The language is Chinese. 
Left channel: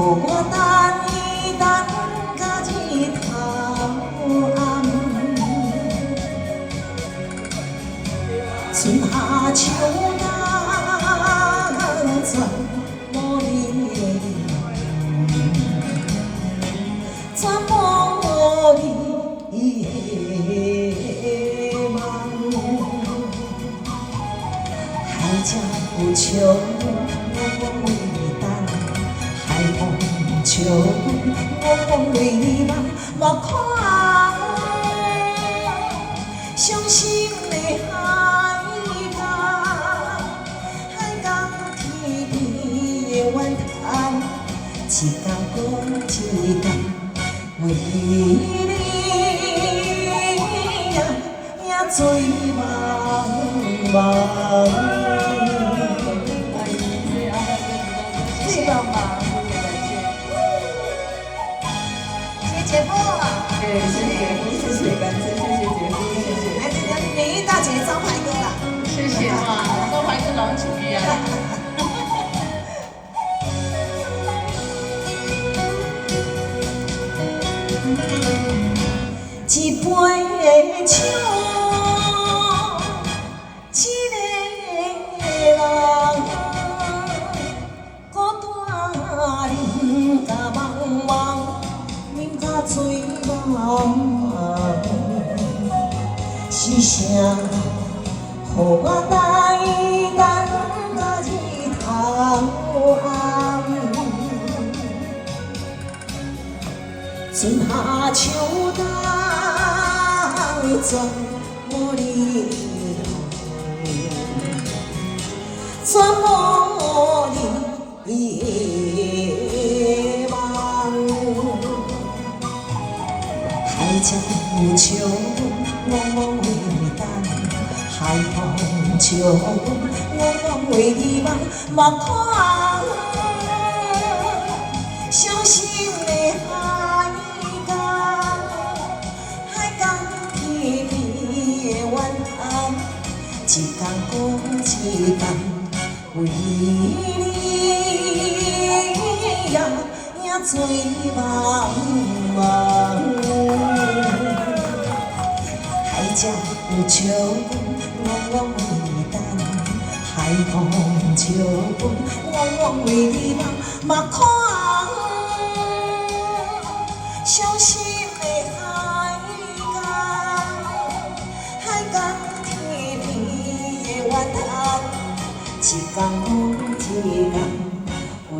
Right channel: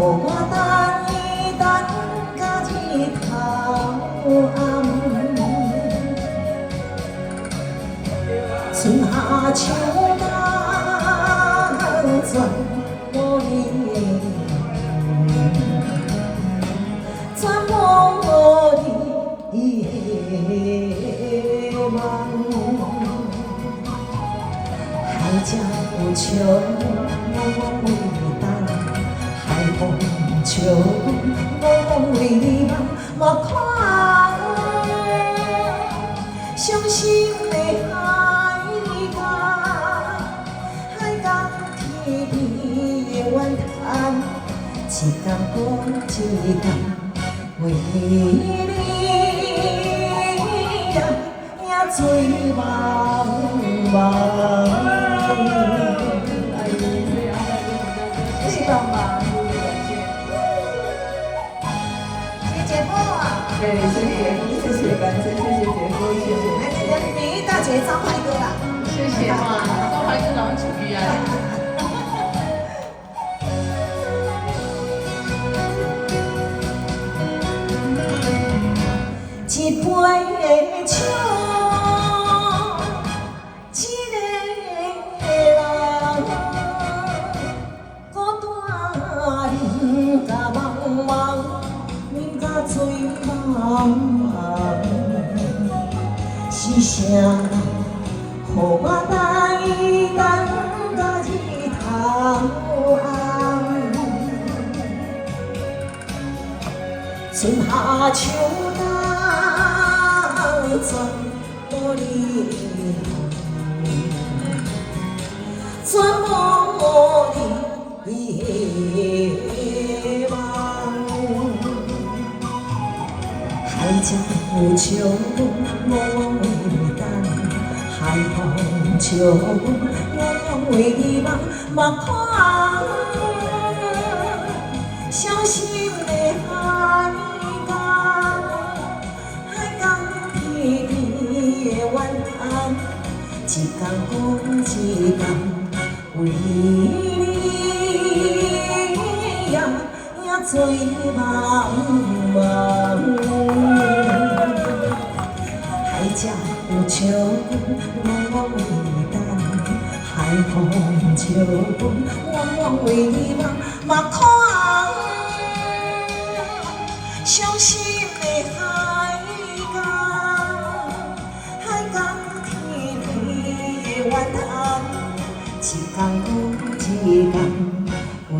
我等伊等到日头暗，春夏秋冬全无你，全无你的梦。海角有潮，我为你等；海风笑，我为你梦。莫看伤心的海港，海港天边的怨叹，一天过一天，为你呀做梦梦。谢谢爸妈，谢谢姐夫。对，谢谢，谢谢，感谢，谢谢姐夫，谢谢。来，这个美丽大姐张牌哥啦，谢谢哇，都还是龙主义啊。一杯酒，一个人，孤单饮甲茫茫，饮甲醉茫茫。是谁予我等伊等到日头暗？春夏秋冬全无你，全无你的梦。海角有潮，我为你等；海风笑，我为你梦。莫看伤心的海港，海港天边的怨叹，一天过一天，为你呀做梦梦。海角有潮，我为你等；海风笑，我为你梦。莫看伤心的海港，海港天边的怨叹，一天过一天，为